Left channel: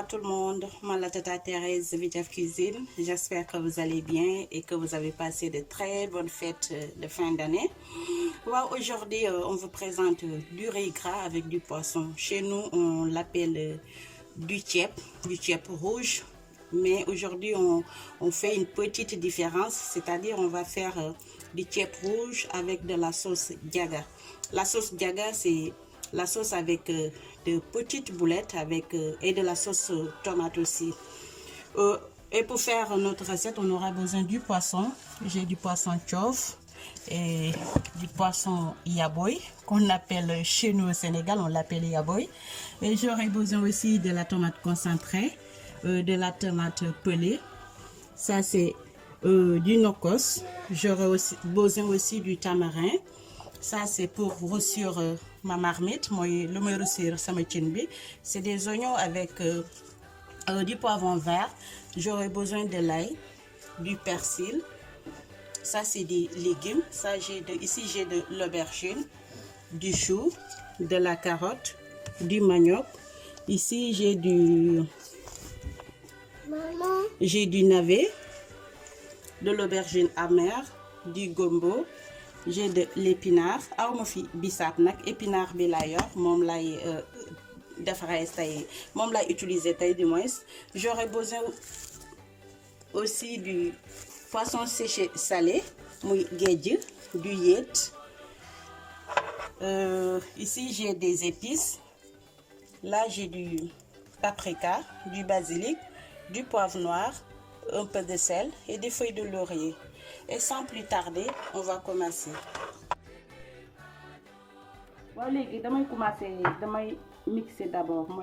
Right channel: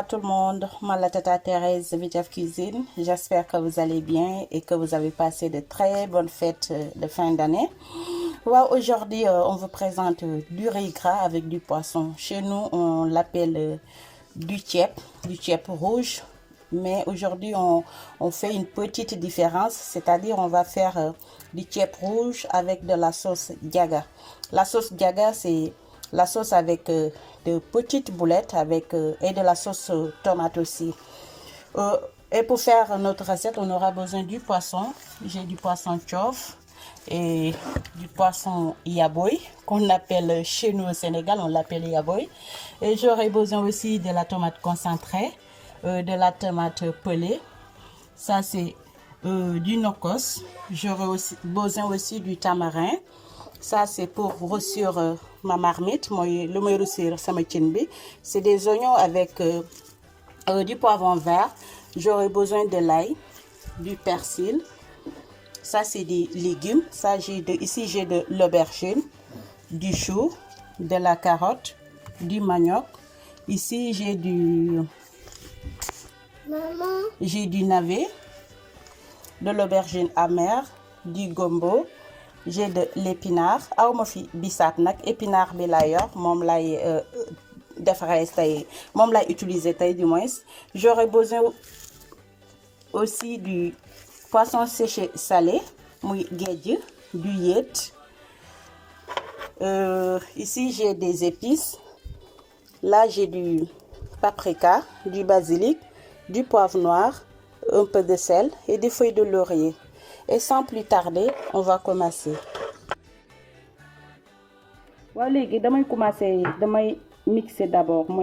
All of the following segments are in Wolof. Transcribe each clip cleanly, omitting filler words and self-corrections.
à tout le monde, moi la Tata Thérèse Vitef Cuisine. J'espère que vous allez bien et que vous avez passé de très bonnes fêtes de fin d'année. Aujourd'hui, on vous présente du riz gras avec du poisson. Chez nous, on l'appelle du tchèp rouge. Mais aujourd'hui, on fait une petite différence, c'est-à-dire on va faire du tchèp rouge avec de la sauce diaga. La sauce diaga, c'est la sauce avec de petites boulettes et de la sauce tomate aussi. Et pour faire notre recette, on aura besoin du poisson. J'ai du poisson tchof et du poisson yaboy, qu'on appelle chez nous au Sénégal, on l'appelle yaboy. Et j'aurai besoin aussi de la tomate concentrée, de la tomate pelée. Ça, c'est du nokos. J'aurai aussi besoin aussi du tamarin. Ça, c'est pour rôtir ma marmite. C'est des oignons avec du poivron vert. J'aurai besoin de l'ail, du persil. Ça, c'est des légumes. Ça, ici, j'ai de l'aubergine, du chou, de la carotte, du manioc. Ici, j'ai du navet, de l'aubergine amère, du gombo. J'ai de l'épinard. Awma fi bissap nak épinard bi la yor mom lay utiliser tay du moins. J'aurais besoin aussi du poisson séché salé, muy gédj, du yet. Ici j'ai des épices. Là j'ai du paprika, du basilic, du poivre noir, un peu de sel et des feuilles de laurier. Et sans plus tarder, on va commencer. Voilà, je vais mixer d'abord. Je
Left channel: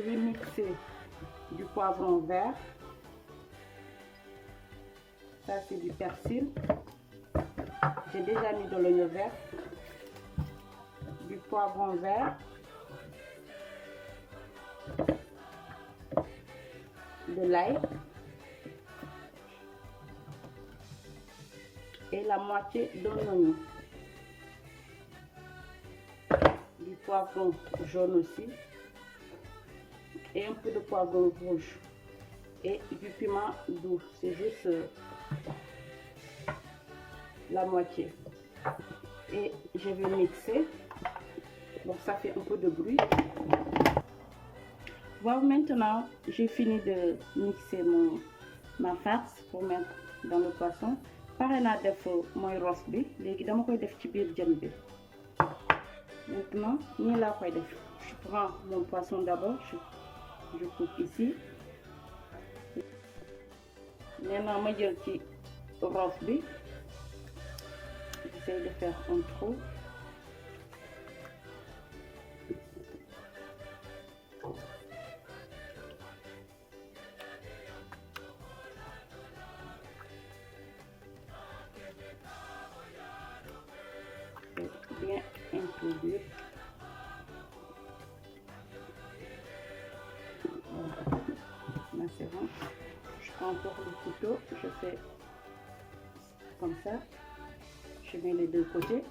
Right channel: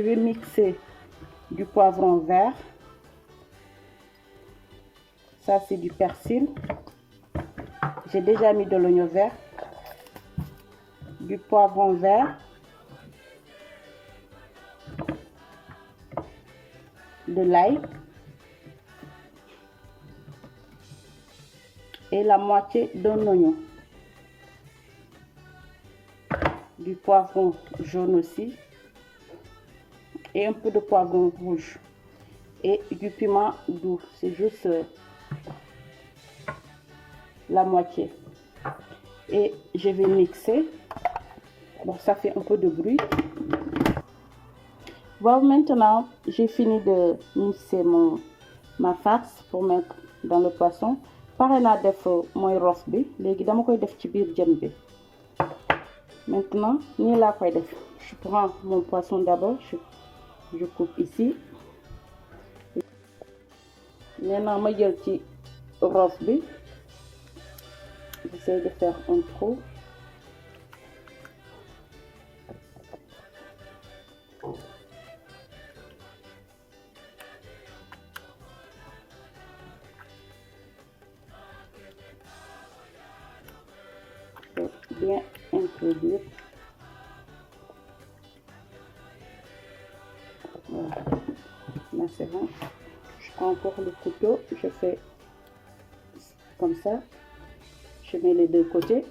vais mixer du poivron vert. Ça, c'est du persil. J'ai déjà mis de l'oignon vert. Du poivron vert. De l'ail. Et la moitié d'un oignon. Du poivron jaune aussi. Et un peu de poivron rouge. Et du piment doux. C'est juste la moitié. Et je vais mixer. Bon, ça fait un peu de bruit. Bon, maintenant, j'ai fini de mixer ma farce pour mettre dans le poisson. Pare naa def mooy rof bi léegi dama koy def ci biir jën bi. Maintenant nii laa koy def. Je prends mon poisson d'abord, je coupe ici. Maintenant ma jël ci rof bi. J'essaie de faire un trou. Bien introduire. Voilà. Là c'est bon. Je prends encore le couteau, je fais comme ça. Je mets les deux côtés.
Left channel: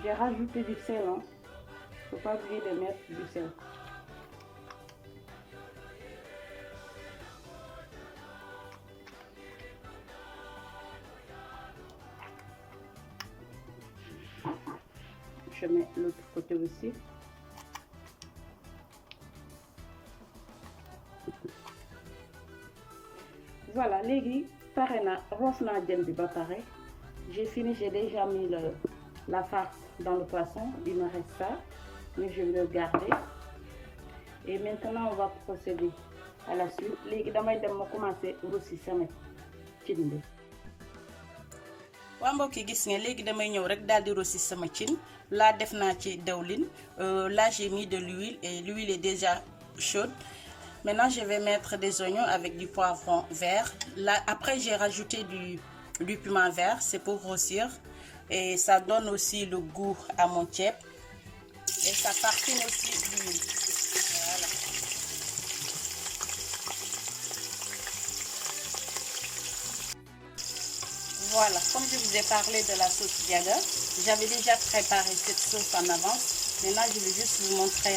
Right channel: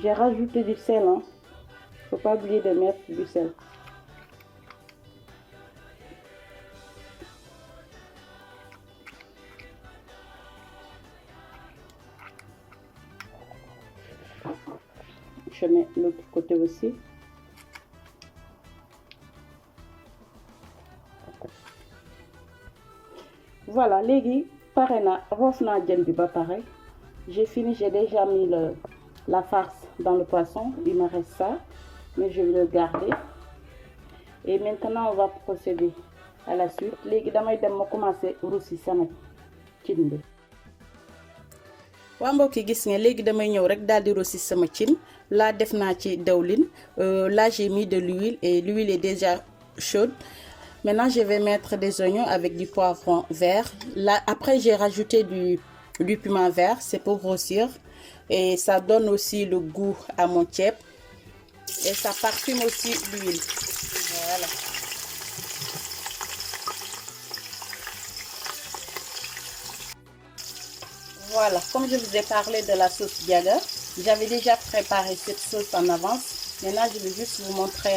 J'ai rajouté du sel. Hein. Faut pas oublier de mettre du sel. Je mets l'autre côté aussi. Voilà, légui pare na roof na jën bi ba pare. J'ai fini, j'ai déjà mis la farce dans le poisson. Il me reste ça, mais je vais le garder. Et maintenant on va procéder à la suite. Légui damay dem ma commencer roussi sama cin bi. Waa mbokk yi gis nga léegi damay ñëw rek daal di rosi sama cin. Là def naa ci dawlin. Là j'ai mis de l'huile et l'huile est déjà chaude. Maintenant je vais mettre des oignons avec du poivron vert. Là après j'ai rajouté du piment vert, c'est pour grossir et ça donne aussi le goût à mon tchèp et ça parfume aussi l'huile. Voilà. Voilà, comme je vous ai parlé de la sauce Diaga, j'avais déjà préparé cette sauce en avance. Maintenant, je vais juste vous montrer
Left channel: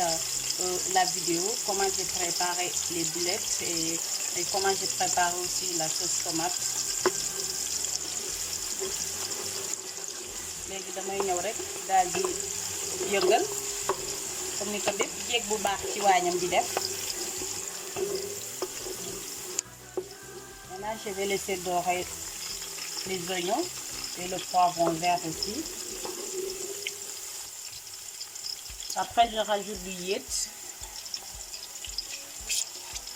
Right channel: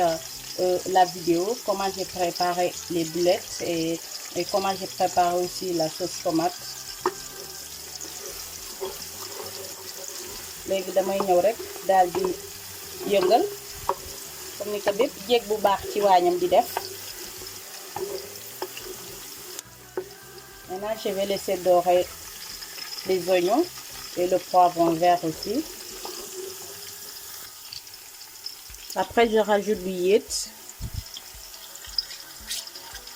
la vidéo, comment j'ai préparé les boulettes et comment j'ai préparé aussi la sauce tomate. Léegi damay ñëw rek daal di yëngal comme ni ko bépp jeeg bu baax ci waañam di def. Maintenant, je vais laisser dorer les oignons et le poivron vert aussi. Après, je rajoute du yéet.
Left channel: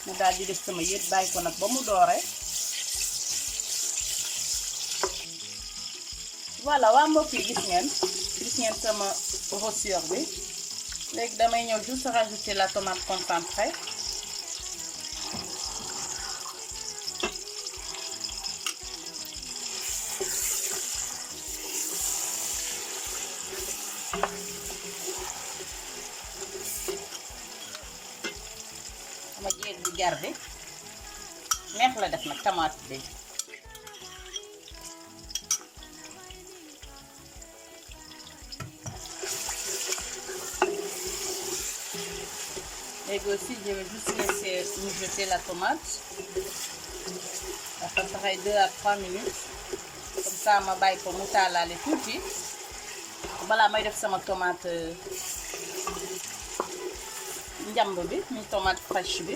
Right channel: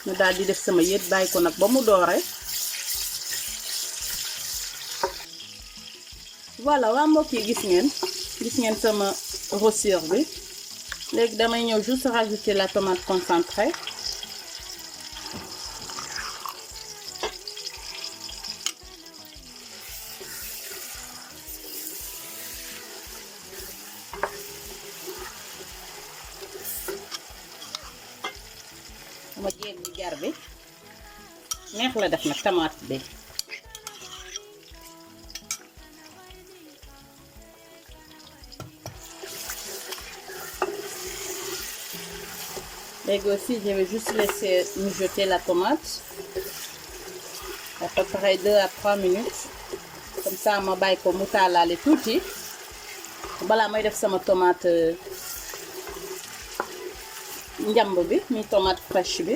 ma daal di def sama yéet bàyyi ko nag ba mu doore. Voilà waa mbokk yi gis ngeen sama rossure bi. Léegi damay ñëw juste rajouter la tomate concentrée. ma jeeg bu jar bi neex la def nag tomate bi. Léegi aussi je vais juste laisser mijoter la tomate à peu près 2 à 3 minutes comme ça ma bàyyi ko mu taalaale tuuti balaa may def sama tomate njamb bi muy tomate fraîche bi.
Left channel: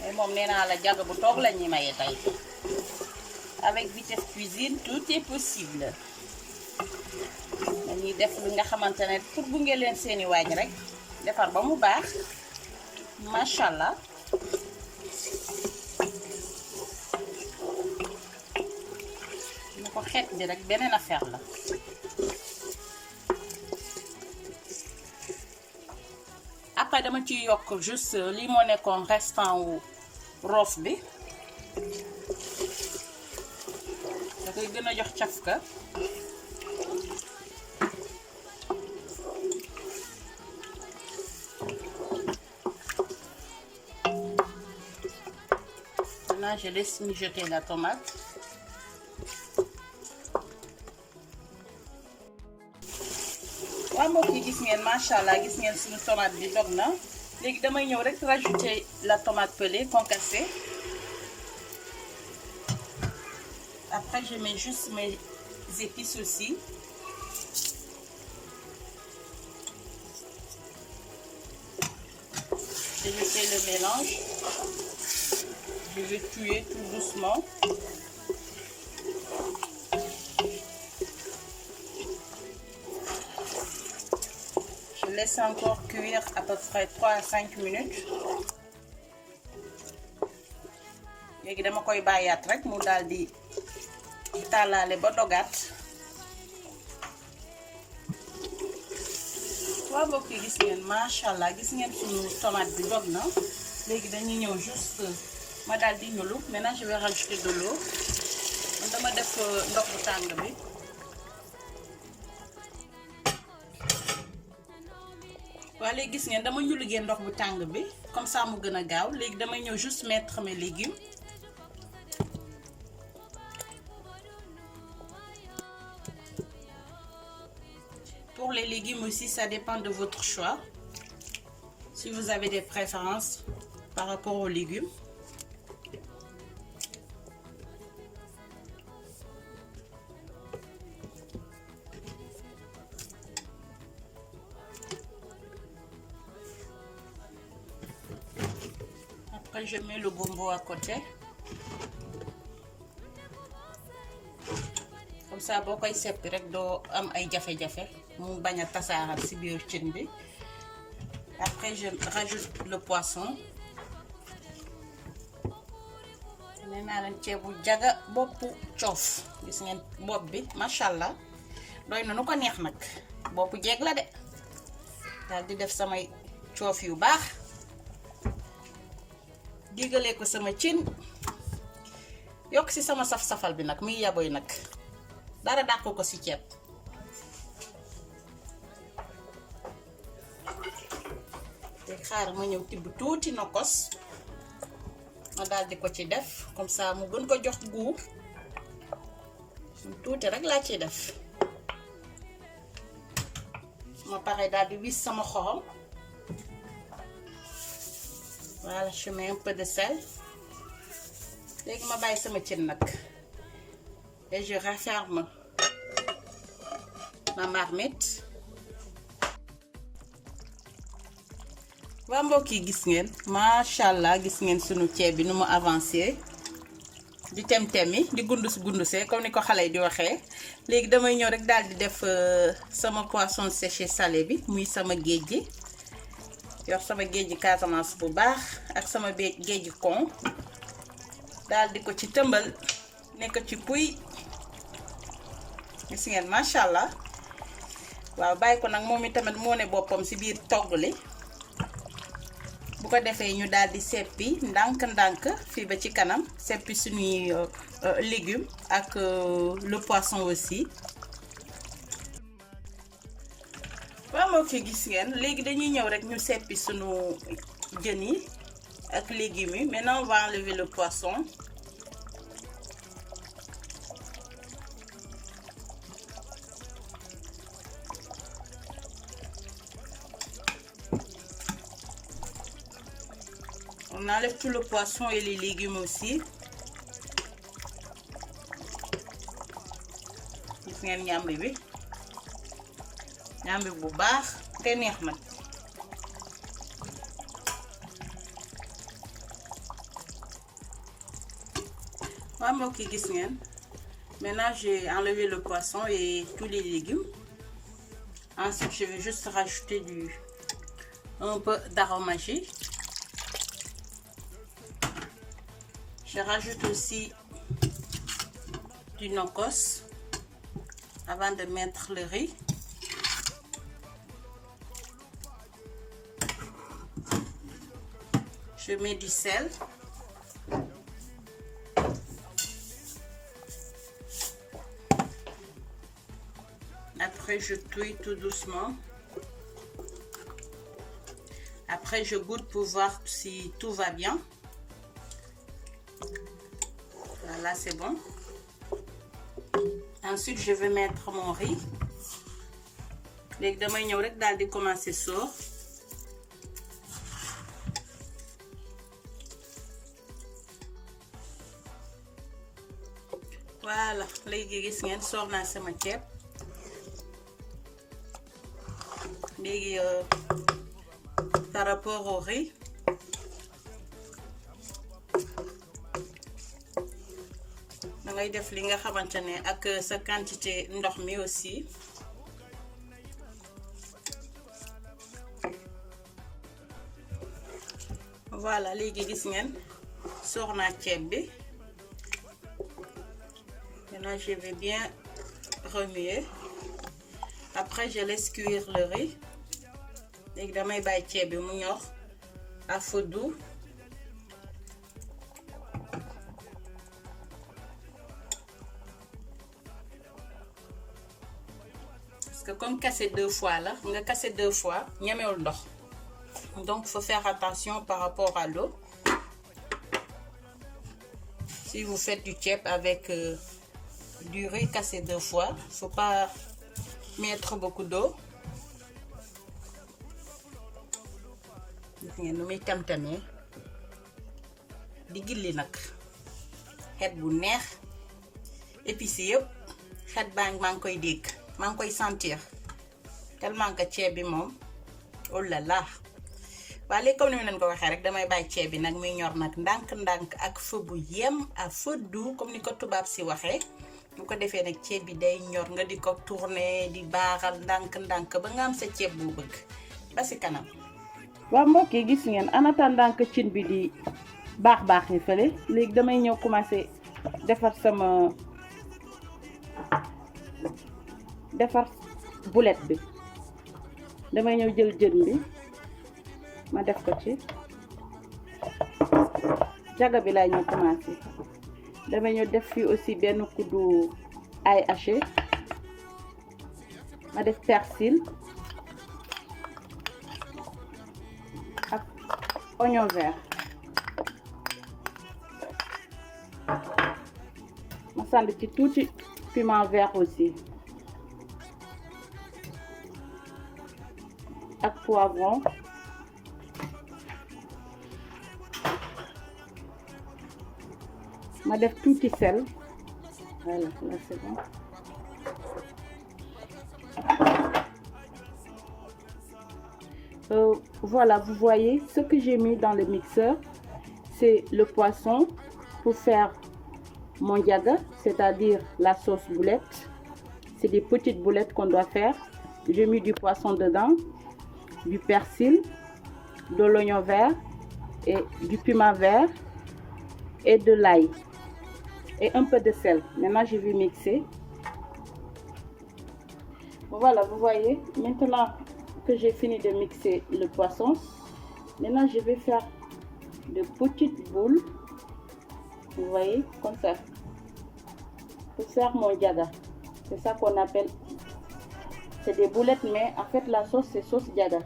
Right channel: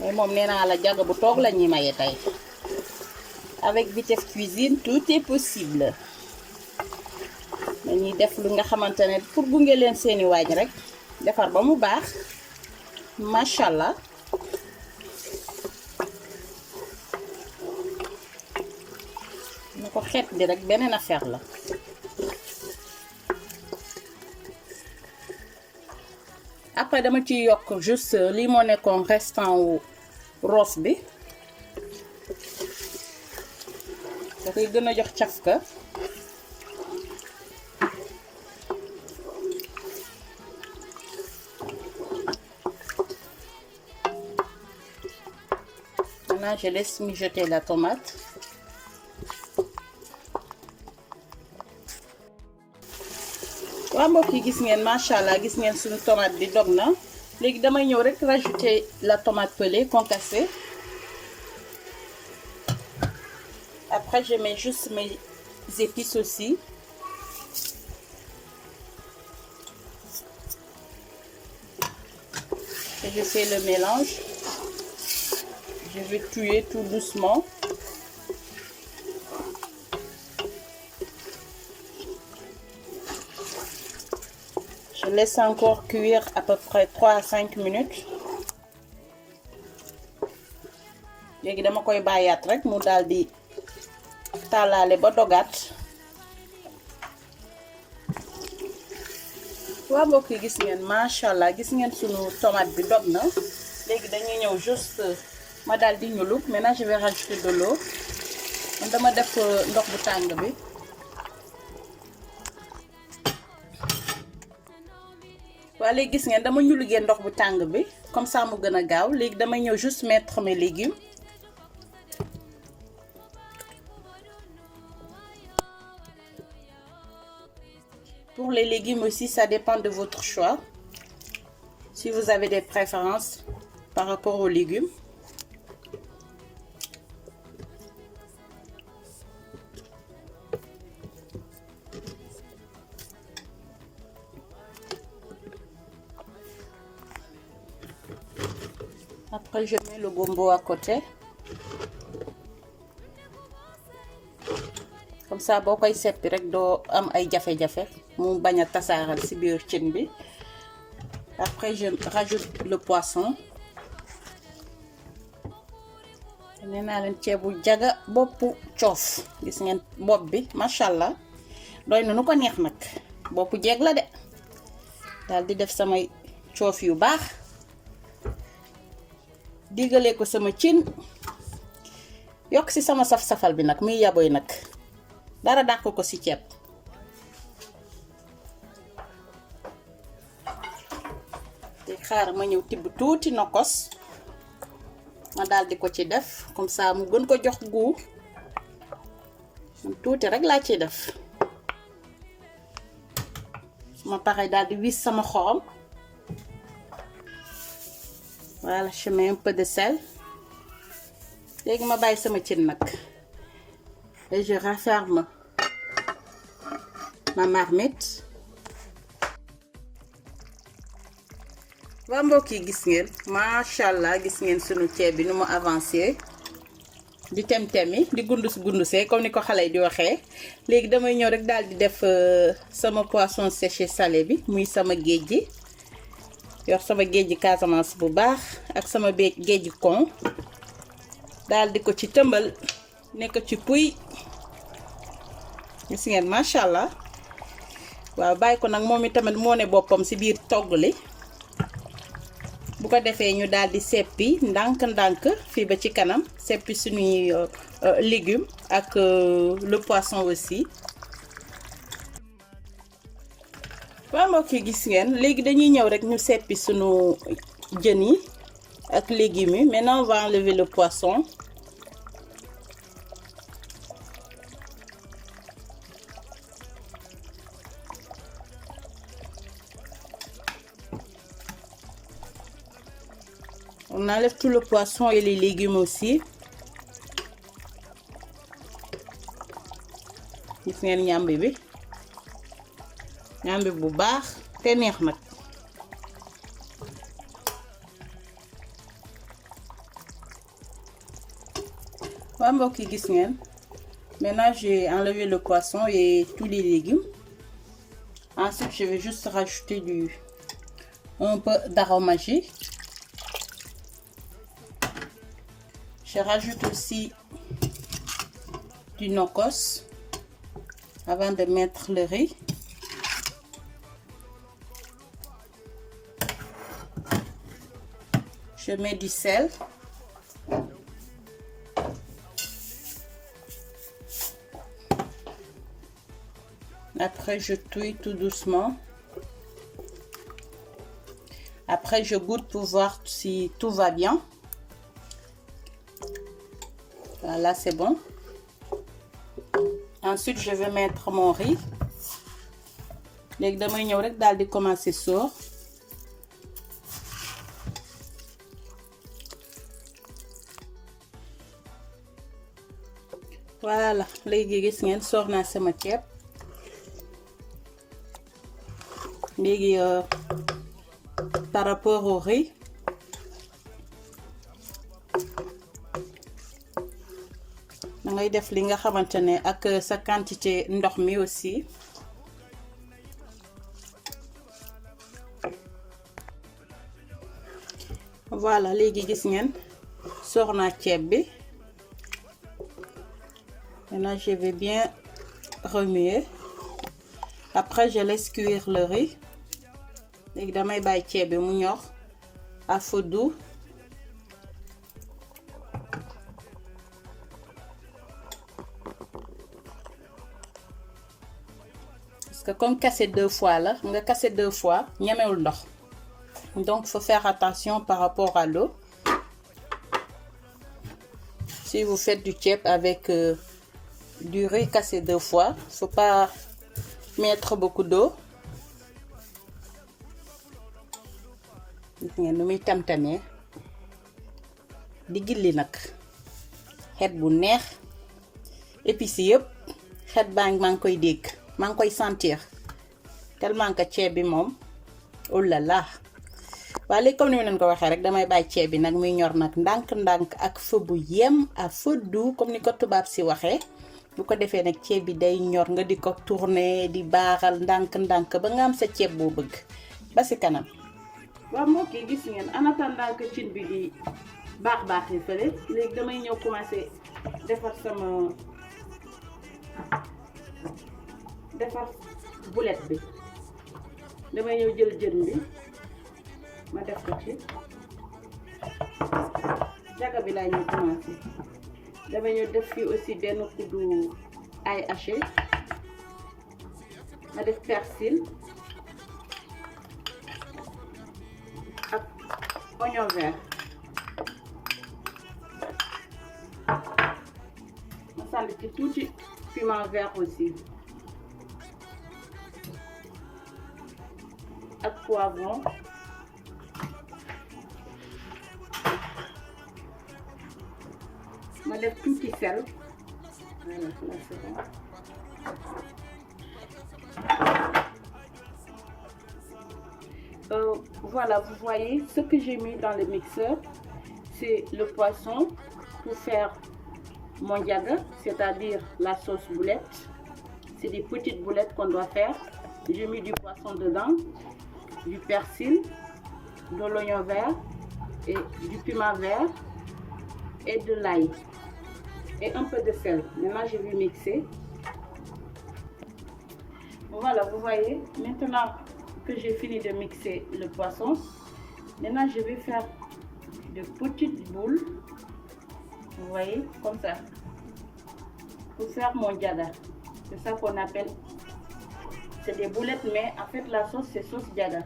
mais moom nee naa la Diaga bu toog la ñuy maye tey. Avec Vitef Cuisine tout est possible. dañuy def lu nga xamante ne pour gunge leen seeni waañ rek defar ba mu baax macha allah. na ko xeet bi rek beneen affaire la. après dama ci yokk juste lii moo nekkoon restant wu roos bi da koy gën a jox cafka. Maintenant je laisse mijoter la tomate. waa mbokk yi gis ngeen macha allah gis ngeen suñu tomate bi dog na. léegi damay ñëw rek rajouter la tomate pelée concassée. Après je mets juste mes épices aussi. Et je fais le mélange. Je vais tuer tout doucement. Je laisse encore cuire à peu près 3 à 5 minutes. léegi dama koy bàyyaat rek mu daal di taalaale ba dogaat. waa mbokk yi gis ngeen macha allah gis ngeen sunu tomate bi dog na. léegi dañuy ñëw juste ma daal di ñulu. Maintenant je vais rajouter de l'eau. man dama def ndox bu tàng bi. waa léegi gis ngeen dama ñu liggéey ndox bu tàng bi comme ça mu gën a gaaw. léegi damay ñëw juste mettre mes légumes. Pour les légumes aussi ça dépend de votre choix. Si vous avez des préférences par rapport aux légumes. Après je mets le gombo à côté. Comme ça boo koy seppi rek doo am ay jafe-jafe mu bañ a tasaaral ci biir cin bi. Après je rajoute le poisson. nee naa leen ceebu Diaga boppu coof gis ngeen bopp bi macha allah doy na nu ko neex nag boppu jeeg la de. daal di def samay coof yu baax. diggalee ko sama cin yokk ci sama saf-safal bi nag muy yaboy nag dara dàq ko ci ceeb. te xaar ma ñëw tibb tuuti nokos ma daal di ko ci def comme ça mu gën ko jox goût tuuti rek laa ciy def ma pare daal di wis sama xorom. Voilà, je mets un peu de sel. Léegi ma bàyyi sama cin nag et je referme ma marmite. waa mbokk yi gis ngeen macha allah gis ngeen sunu ceeb bi nu mu avancé di tem-temi di gundusee comme ni ko xale yi di waxee. léegi damay ñëw rek daal di def sama poisson séché salé bi muy sama géej gi yor sama géej gi Casamance bu baax ak sama géej gi kon daal di ko ci tëmbal nekk ci puy gis ngeen macha allah. waaw bàyyi ko nag moom itamit moo ne boppam ci biir togg li bu ko defee ñu daal di seppi ndànk-ndànk fii ba ci kanam seppi suñuy légumes ak le poisson aussi. waaw mbokk yi gis ngeen léegi dañuy ñëw rek ñu seppi suñu jën yi ak légumes yi. Maintenant on va enlever le poisson. On enlève tout le poisson et les légumes aussi. Gis ngeen ñambi bi ñambi bu baax te neex nag. waa mbokk yi gis ngeen maintenant j'ai enlevé le poisson et tous les légumes. Ensuite je vais juste rajouter un peu d'aromagie. Je rajoute aussi du nokos avant de mettre le riz. Je mets du sel. Après, je touille tout doucement. Après, je goûte pour voir si tout va bien. Voilà, c'est bon. Ensuite, je vais mettre mon riz. Léegi damay ñëw rek daal di commencer sóor. Voilà, léegi gis ngeen sóor naa sama ceeb. Léegi par rapport au riz. da ngay def li nga xamante ne ak sa quantité ndox mi aussi. Voilà léegi gis ngeen sóor naa ceeb bi. Maintenant je vais bien remuer. Après je laisse cuire le riz. léegi damay bàyyi ceeb bi mu ñor à feu doux. Que comme casser 2 fois là, nga casser 2 fois ñemewul ndox. Donc faut faire attention par rapport à l'eau. Si vous faites du ceeb avec du riz cassé 2 fois, faut pas mettre beaucoup d'eau. Gis ngeen nu muy tam-tamee di gilli nag xet bu neex épices yëpp xet maa ngi koy dégg. maa ngi koy sentir tellement que ceeb bi moom oh là là. waaye léegi comme ni ma leen ko waxee rek damay bàyyi ceeb bi nag muy ñor nag ndànk-ndànk ak feu bu yem à feu doux comme ni ko tubaab si waxee. bu ko defee nag ceeb bi day ñor nga di ko tourner di baaxal ndànk-ndànk ba nga am sa ceeb boo bëgg ba si kanam. waaw mbokk yi gis ngeen en attendant que cin bi di baax ni fële léegi damay ñëw commencer defar boulette bi. damay ñëw jël jën bi ma def ko ci jaga bi laay ñëw commencer. damay ñëw def fii aussi benn kuddu ail haché. ma def persil ak oignon vert. sànni ci tuuti piment vert aussi ak poivron ma def tuuti sel. Voilà, là c'est bon. Voilà, vous voyez ce que j'ai mis dans le mixeur, c'est le poisson pour faire mon diaga, c'est-à-dire la sauce boulette. C'est des petites boulettes qu'on doit faire. J'ai mis du poisson dedans, du persil, de l'oignon vert et du piment vert et de l'ail et un peu de sel. Maintenant je vais mixer. Voilà, vous voyez, maintenant que j'ai fini de mixer le poisson, maintenant je vais faire de petites boules, vous voyez, comme ça, pour faire mon diaga. C'est ça qu'on appelle, c'est des boulettes, mais en fait la sauce c'est sauce diaga.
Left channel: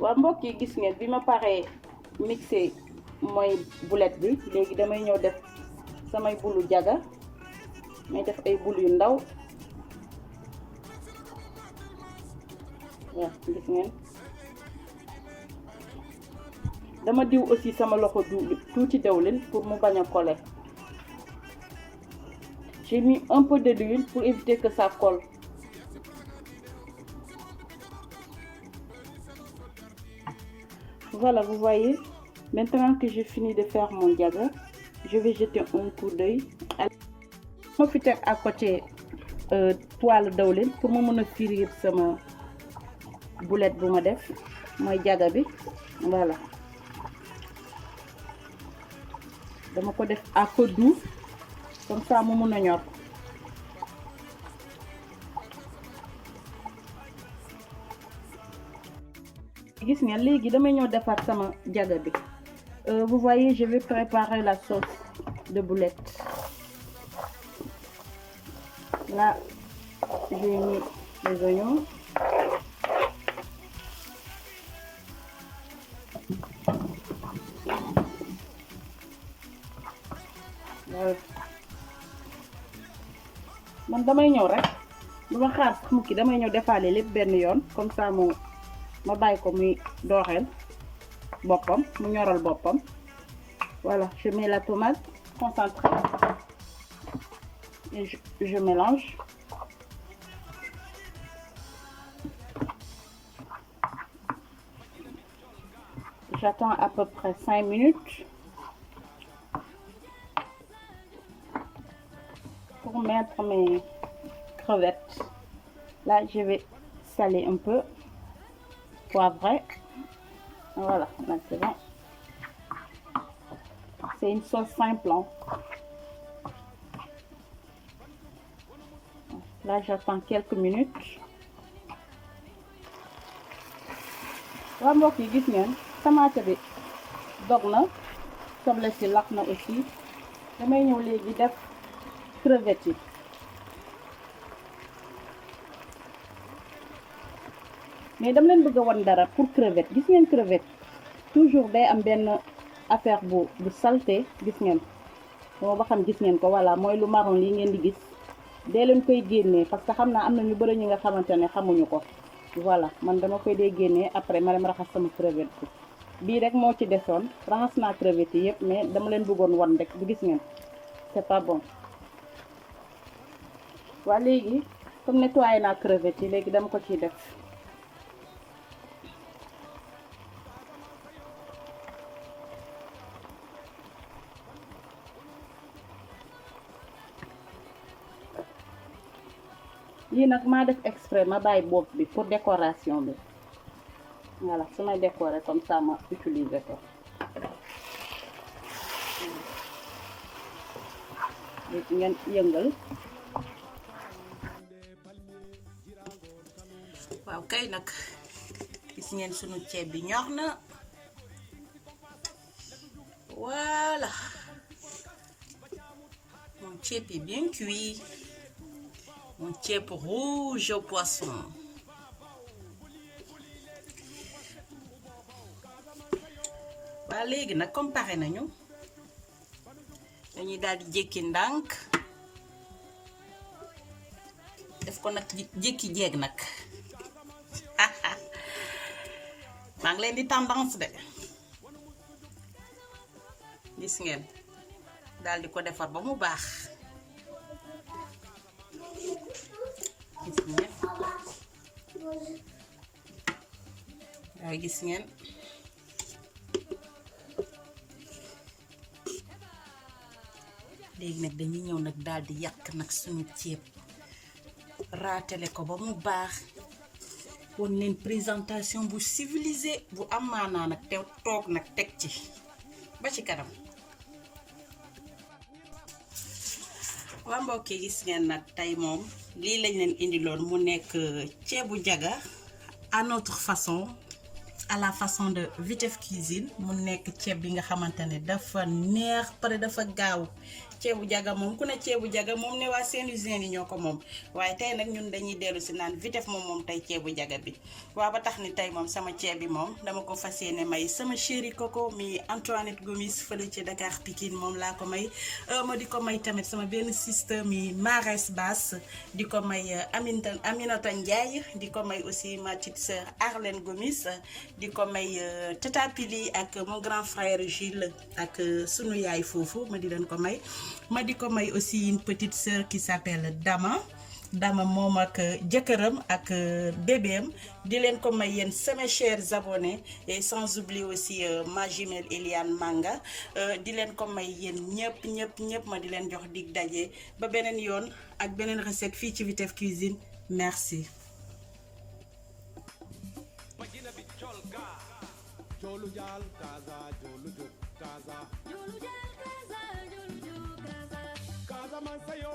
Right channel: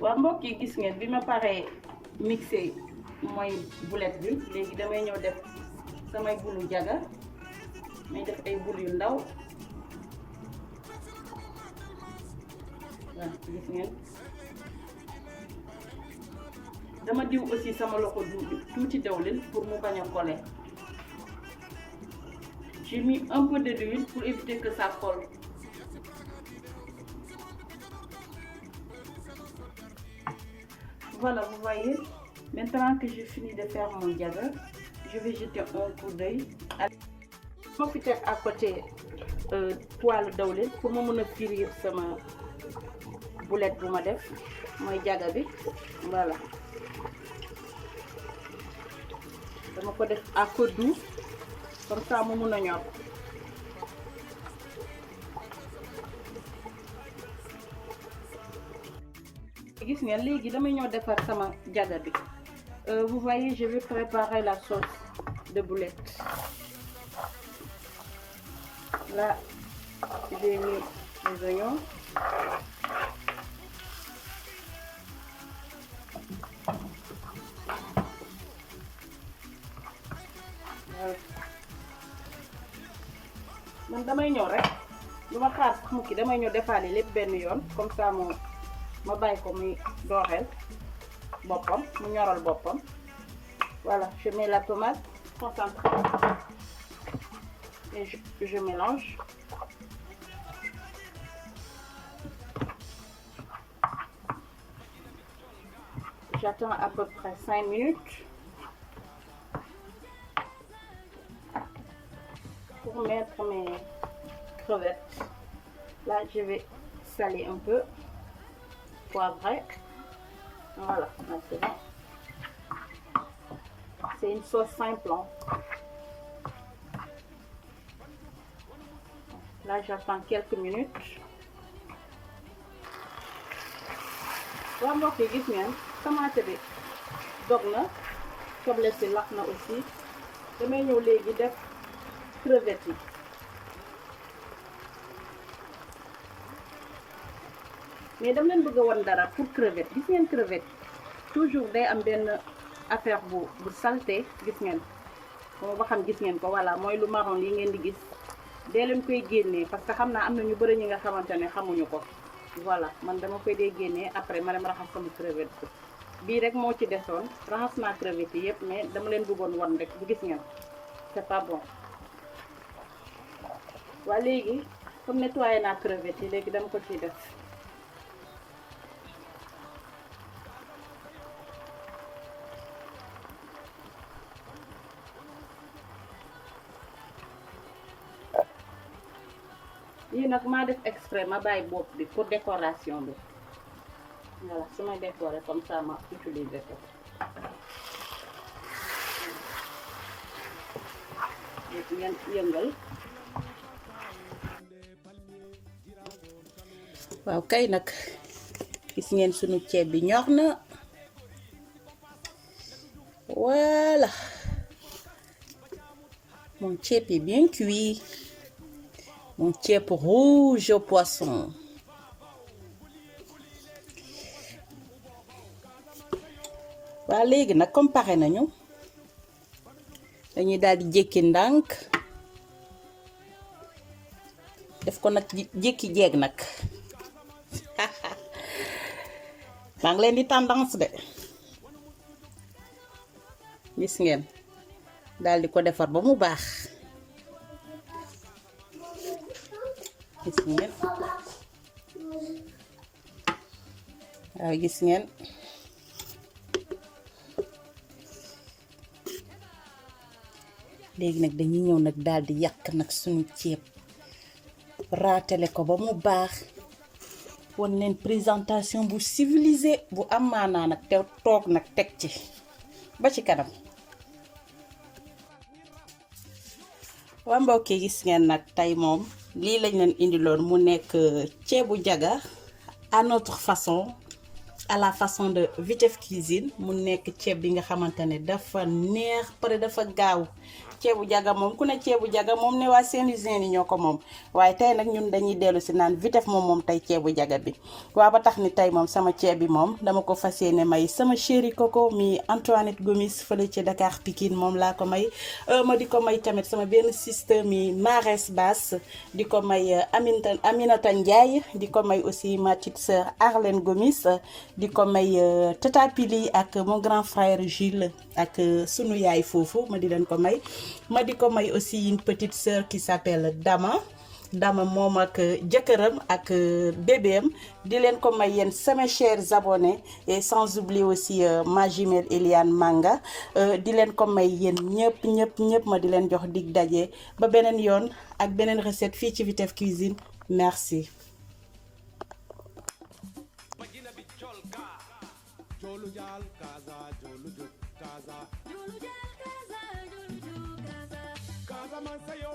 Waa mbokk yi gis ngeen bi ma paree mixé mooy boulette bi, léegi damay ñëw def samay boulu diaga, may def ay boule yu ndaw. Waaw gis ngeen dama diw aussi sama loxo tuuti dawlin pour mu bañ a coller. J'ai mis un peu d'huile pour éviter que ça colle. Voilà, vous voyez, maintenant que j'ai fini de faire mon diaga, je vais jeter un coup d'œil. Je vais faire à côté poêle d'huile pour me frire sama boulette bu ma def moy diaga bi. Voilà, dama ko def à feu doux comme ça mu mëna ñor. Gis ngeen léegi damay ñëw defar sama diaga bi. Vous voyez, je vais préparer la sauce de boulette. Là, j'ai mis les oignons. Man damay ñëw rek luma xaar mu ki damay ñëw defaale lépp benn yoon comme ça ma bàyyi ko muy dooxeel boppam mu ñoral boppam. Voilà, je mets la tomate concentrée et je mélange. J'attends à peu près 5 minutes pour mettre mes crevettes. Là, je vais saler un peu, poivrer. Voilà, c'est bon. C'est une sauce simple. Là, j'attends quelques minutes. Waa mbokk yi gis ngeen tomate bi dog na, soble si lakk na aussi. Damay ñëw léegi def crevettes yi. Mais dama leen bëgg a wan dara pour crevette. Gis ngeen crevette toujours day am benn affaire bu salté, gis ngeen. Ba xam gis ngeen ko, voilà, mooy lu marron lii ngeen di gis. Dee leen koy génnee parce que xam naa am na ñu bëri ñi nga xamante ne xamuñu ko. Voilà, man dama koy dee génnee après ma dem raxas sama crevette bi. Bii rek moo ci desoon, raxas naa crevette yi yëpp, mais dama leen bëggoon wan rek bu gis ngeen. C'est pas bon. Waa léegi comme nettoyé naa crevette yi, léegi dama ko ciy def. Lii nag maa def exprès ma bàyyi bopp bi pour décoration bi. Voilà, su may décorer comme ça ma utiliser ko. Ngeen yëngal. Waaw kay nag gis ngeen sunu ceeb bi ñor na. Voilà. Mon ceeb est bien cuit. Mon ceeb rouge au poisson. Waa léegi nag comme pare nañu dañuy daal di jékki ndànk def ko nag jékki jeeg nag maa ngi leen di tendance de gis ngeen daal di ko defar ba mu baax gis ngeen waaw gis ngeen léegi nag dañuy ñëw nag daal di yàq nag suñu ceeb raatale ko ba mu baax won leen présentation bu civilisé bu am maanaa nag te toog nag teg ci ba ci kanam. waa mbokk yi gis ngeen nag tey moom lii lañ leen indiloon mu nekk ceebu jaga à notre façon, à la façon de Vitef Cuisine. mu nekk ceeb bi nga xamante ne dafa neex pare dafa gaaw. ceebu jaga moom ku ne ceebu jaga moom ne waa Saint-Louisien yi ñoo ko moom waaye tey nag ñun dañuy dellu si naan Vitef moom tey ceebu jaga bi waa ba tax ni tey moom sama ceeb bi moom dama ko fas yéene may sama chéri Coco mi Antoinette Gomis fële ci Dakar Pikine moom laa ko may ma di ko may tamit sama benn sister mi Mares Bass di ko may Aminata Ndiaye di ko may aussi ma petite sœur Arlène Gomis di ko may Tata Pili ak mon grand frère Gilles ak sunu yaay foofu ma di leen ko may. ma di ko may aussi une petite sœur qui s'appelle Dama moom ak jëkkëram ak bébéem di leen ko may yéen sama chers abonnés et sans oublier aussi ma jumelle Eliane Manga di leen ko may yéen ñëpp ma di leen jox dig daje ba beneen yoon ak beneen recette fii ci Vitef Cuisine merci. Kaza man sayo